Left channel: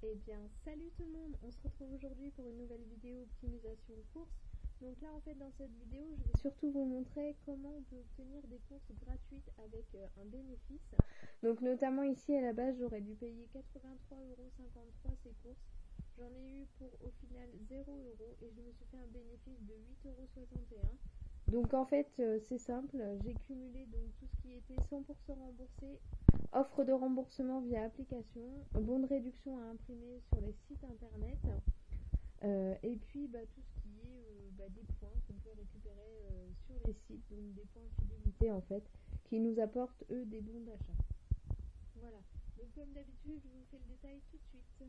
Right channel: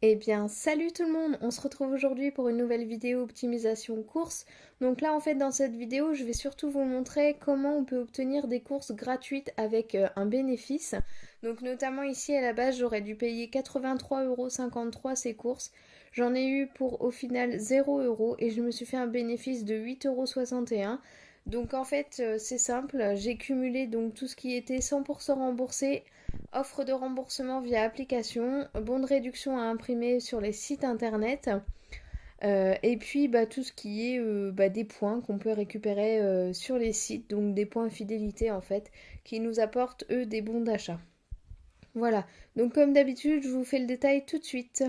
Eh bien, salut tout le monde! On se retrouve aujourd'hui pour une nouvelle vidéo optimisation course. Donc là, en fait, dans cette vidéo, je vais surtout vous montrer comment on peut obtenir des courses gratuites avec un bénéfice. Donc notamment ici, à la base, j'aurais dû payer 83,53 € ces courses. J'en ai eu pour au final 0 € et je me suis fait un bénéfice de 8,61 €. Donc en fait, c'est simple, j'ai cumulé donc tout ce qui était 100% remboursé, offre de remboursement via application, bon de réduction à imprimer sur les sites internet, et puis tout ce qui est des points qu'on peut récupérer sur les sites, donc des points fidélité en fait, qui nous apportent eux des bons d'achat. Voilà, donc comme d'habitude, je vous fais le détail tout de suite.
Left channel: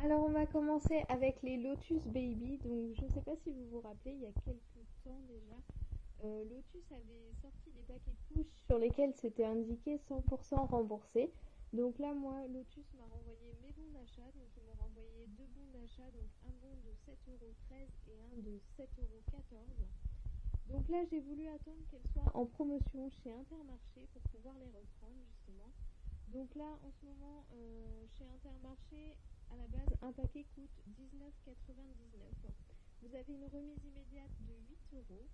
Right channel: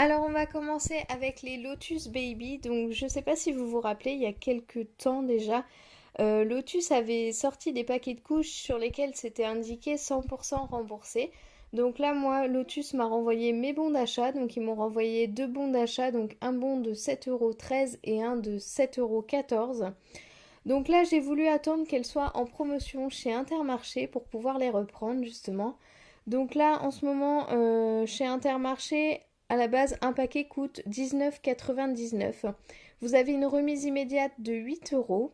Alors on va commencer avec les Lotus Baby. Donc je ne sais pas si vous vous rappelez, il y a quelques temps déjà, Lotus avait sorti des paquets de couches sur lesquels c'était indiqué 100% remboursé. Donc là, moi, Lotus m'a renvoyé mes bons d'achat. Donc ils m'ont renvoyé deux bons d'achat, donc un bon de 7,13 € et un de 7,14 €. Donc là, j'ai voulu attendre qu'elles soient en promotion chez Intermarché pour pouvoir les reprendre justement. Donc là, en ce moment, chez Intermarché, à la base, un paquet coûte 19,99 €. Vous avez une remise immédiate de 8 €.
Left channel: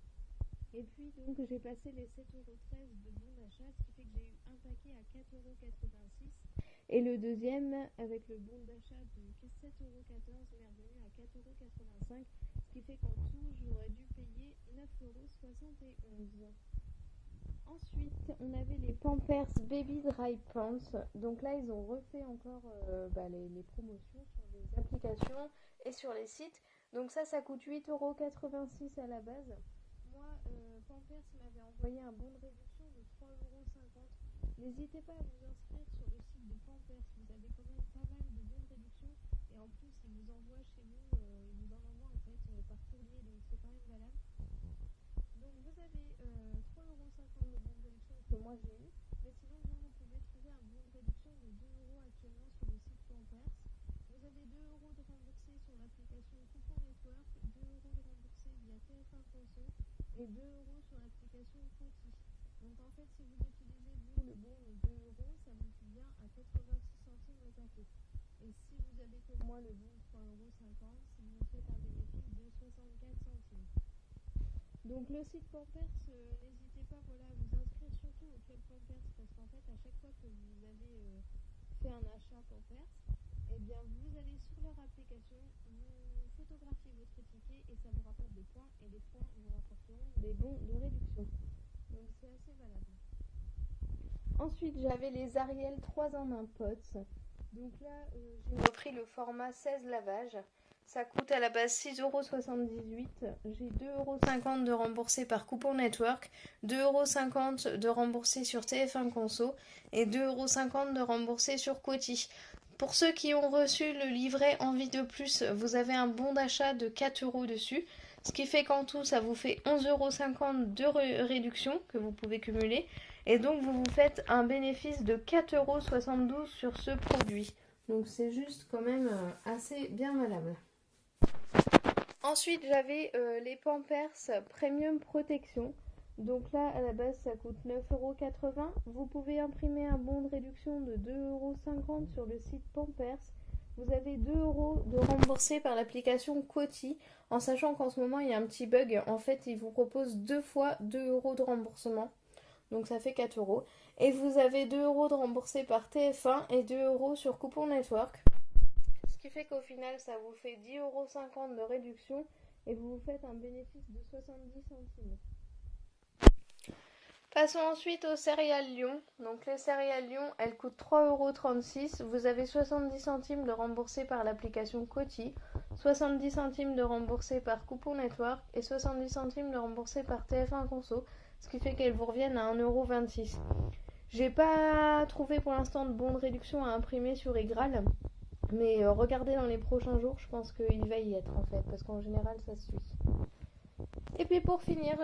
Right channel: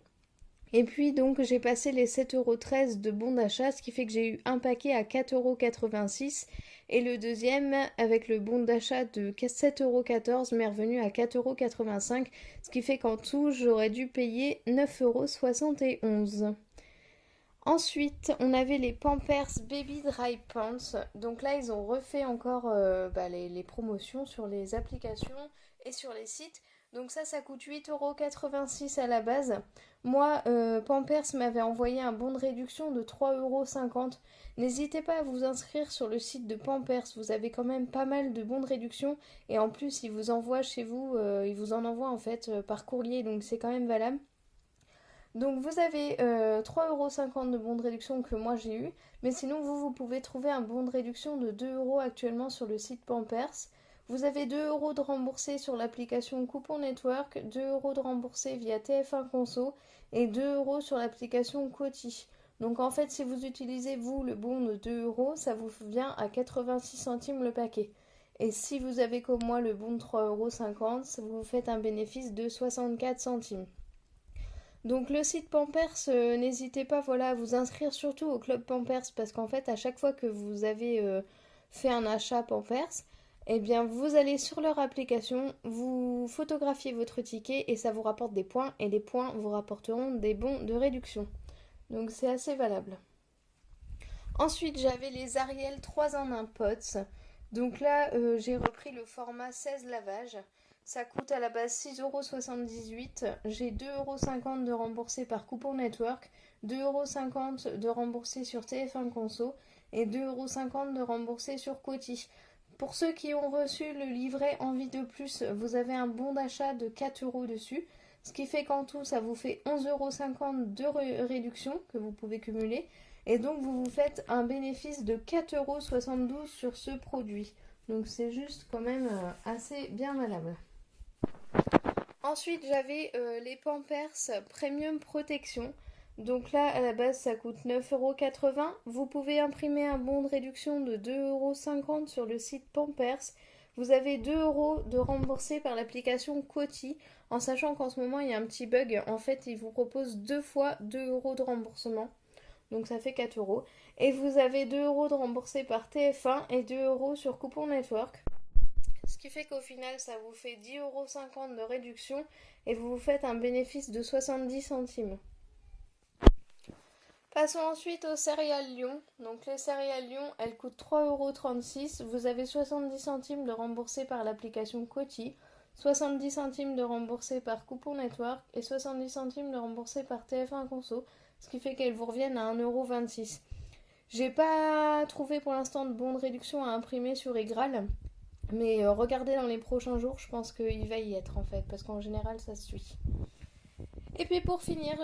Et puis donc j'ai passé les 7,13 € de bons d'achat, ce qui fait que j'ai eu un paquet à 4,86 € et le deuxième avec le bon d'achat de 7,14 € m'est revenu à 4,85 €, ce qui fait qu'en tout j'aurais dû payer 9,71 €. Ensuite, on avait les Pampers Baby Dry Pants. Donc là, ils ont refait encore les promotions sur les applications et sur les sites. Donc ça coûte 8,86 € à la base. Moi, Pampers m'avait envoyé un bon de réduction de 3,50 €. N'hésitez pas à vous inscrire sur le site de Pampers. Vous avez quand même pas mal de bons de réduction. Et en plus, ils vous envoient chez vous, ils vous en envoient en fait par courrier. Donc c'est quand même valable. Donc vous avez 3,50 € de bon de réduction que moi j'ai eu. Mais sinon vous pouvez trouver un bon de réduction de 2 € actuellement sur le site Pampers. Vous avez 2 € de remboursé sur l'application Coupon Network, 2 € de remboursé via TF1 Conso et 2 € sur l'application Coty. Donc en fait si vous utilisez vous le bon de 2 €, ça vous vient à 86 centimes le paquet. Et si vous avez comme moi le bon de 3,50 €, vous faites un bénéfice de 64 centimes. Donc le site Pampers, n'hésitez pas voilà, à vous inscrire surtout au club Pampers parce qu'en fait à chaque fois que vous avez fait un achat Pampers, eh bien vous allez sur leur application, vous photographiez votre ticket et ça vous rapporte des points et les points vous rapporteront des bons de réduction. Donc c'est assez valable. Ensuite j'avais les Ariel 3 en 1 POTS. Donc là j'ai repris le format 16 lavages. Ça coûte à la base 6,78 €. J'ai 2,50 € de remboursé par Coupon Network, 2,50 € de remboursé sur TF1 Conso et 2,50 € de remboursé sur Coty. Pour ceux qui ont reçu le livret Envie de plus, vous avez un bon d'achat de 4 € dessus. Ce qui fait qu'en tout, ça vous fait 11,50 € de réduction que vous pouvez cumuler. Et donc, vous vous faites un bénéfice de 4,72 € sur ce produit. Donc, c'est juste quand même assez bien valable. Ensuite, j'avais les Pampers Premium Protection. Donc là, à la base, ça coûte 9,80 €. Vous pouvez imprimer un bon de réduction de 2,50 € sur le site Pampers. Vous avez 2 € de remboursé par l'application Coty, en sachant qu'en ce moment, il y a un petit bug. En fait, il vous propose deux fois 2 € de remboursement. Donc ça fait 4 €. Et vous avez 2 € de remboursé par TF1 et 2 € sur Coupon Network. Ce qui fait qu'au final, ça vous fait 10,50 € de réduction et vous vous faites un bénéfice de 70 centimes. Passons ensuite aux céréales Lion. Donc les céréales Lion, elles coûtent 3,36 €. Vous avez 70 centimes de remboursé par l'application Coty, 70 centimes de remboursé par Coupon Network et 70 centimes de remboursé par TF1 Conso, ce qui fait qu'elles vous reviennent à 1,26 €. J'ai pas trouvé pour l'instant de bons de réduction à imprimer sur Egral. Mais regardez dans les prochains jours, je pense qu'il va y être en fait, parce qu'en général ça se suit. Et puis pour finir,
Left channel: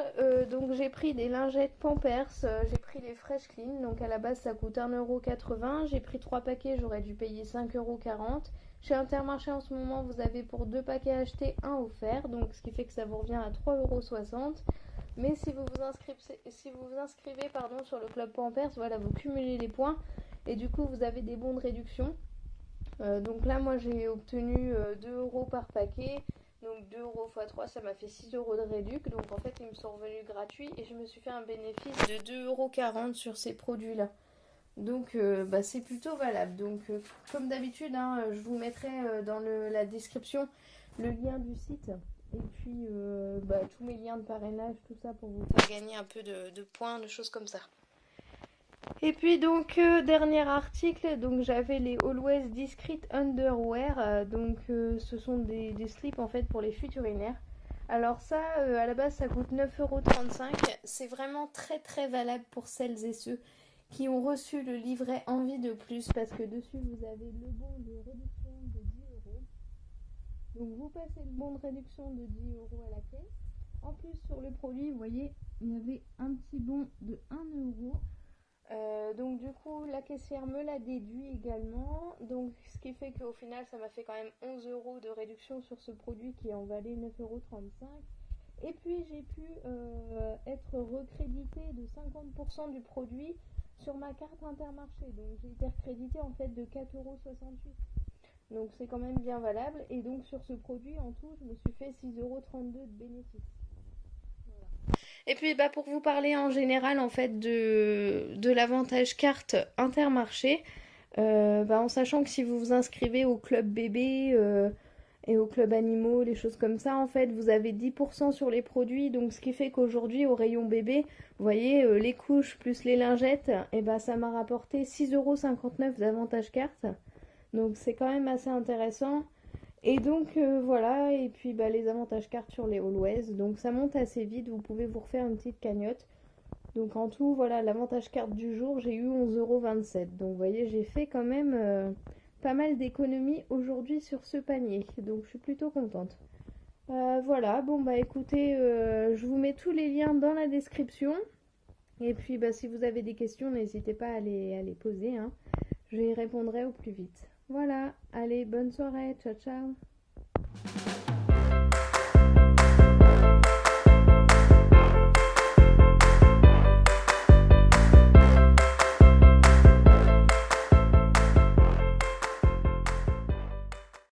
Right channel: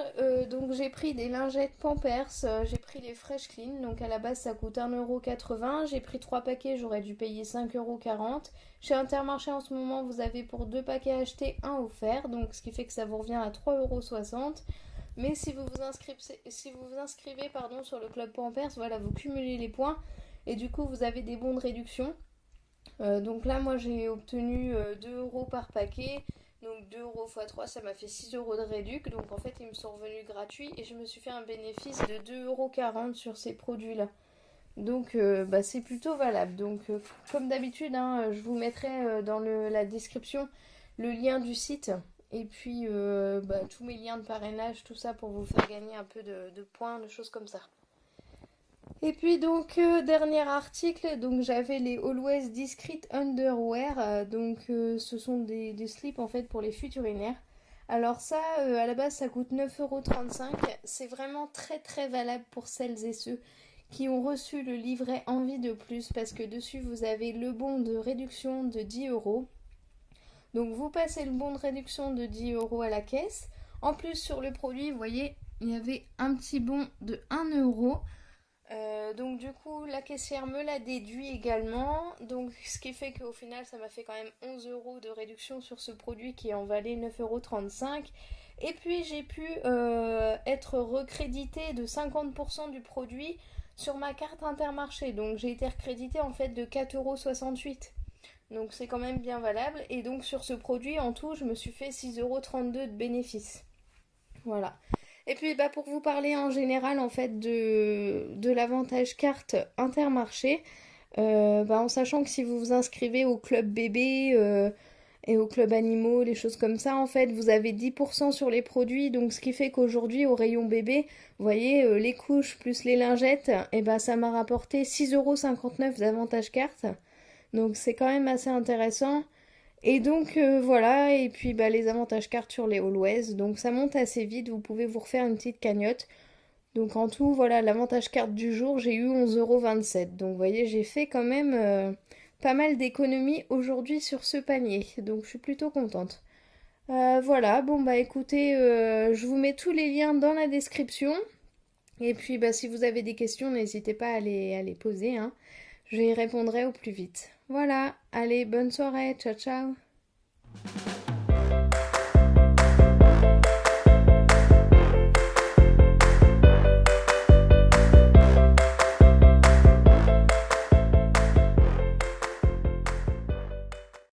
donc j'ai pris des lingettes Pampers, j'ai pris les Fresh Clean, donc à la base ça coûte 1,80 €, j'ai pris 3 paquets, j'aurais dû payer 5,40 €. Chez Intermarché en ce moment, vous avez pour 2 paquets achetés, un offert, donc ce qui fait que ça vous revient à 3,60 €. Mais si vous vous inscrivez sur le club Pampers, voilà, vous cumulez les points et du coup vous avez des bons de réduction. Donc là moi j'ai obtenu 2 euros par paquet. Donc 2 euros x 3 ça m'a fait 6 euros de réduc. Donc en fait ils me sont revenus gratuits et je me suis fait un bénéfice de 2,40 € sur ces produits-là. Donc bah, c'est plutôt valable. Donc comme d'habitude, hein, je vous mettrai dans la description le lien du site et puis bah, tous mes liens de parrainage, tout ça pour vous faire gagner un peu de points, de choses comme ça. Et puis donc dernier article, donc j'avais les Always Discreet Underwear, donc ce sont des slips en fait pour les fuites urinaires. Alors ça, à la base ça coûte 9,35 €, c'est vraiment très très valable pour celles et ceux qui ont reçu le livret Envie de plus parce que dessus vous avez le bon de réduction de 10 euros. Donc vous passez le bon de réduction de 10 euros à la caisse. En plus sur le produit, vous voyez, il y avait un petit bon de 1 euro. Donc du coup la caissière me l'a déduit également, donc ce qui fait qu'au final ça m'a fait quand même 11 euros de réduction sur ce produit qui en valait 9,35 €. Et puis j'ai pu être recrédité de 50% du produit sur ma carte Intermarché, donc j'ai été recrédité en fait de 4,68 €. Donc c'est quand même bien valable, et donc sur ce produit en tout je me suis fait 6,32 € de bénéfice. Voilà. Et puis bah, pour vous parler en général en fait de l'avantage carte Intermarché, bah, en sachant que si vous vous inscrivez au club bébé et au club animaux, les choses comme ça, en fait vous avez 10% sur les produits, donc ce qui fait qu'aujourd'hui au rayon bébé, vous voyez les couches plus les lingettes, et bah, ça m'a rapporté 6,59 € d'avantage carte, donc c'est quand même assez intéressant. Et donc voilà, et puis bah, les avantages cartes sur les Always, donc ça monte assez vite, vous pouvez vous refaire une petite cagnotte. Donc en tout, voilà, l'avantage carte du jour, j'ai eu 11,27 €. Donc vous voyez, j'ai fait quand même pas mal d'économies aujourd'hui sur ce panier, donc je suis plutôt contente. Voilà, bon bah écoutez, je vous mets tous les liens dans la description. Et puis bah, si vous avez des questions, n'hésitez pas à les poser, hein. Je y répondrai au plus vite. Voilà, allez, bonne soirée, ciao ciao.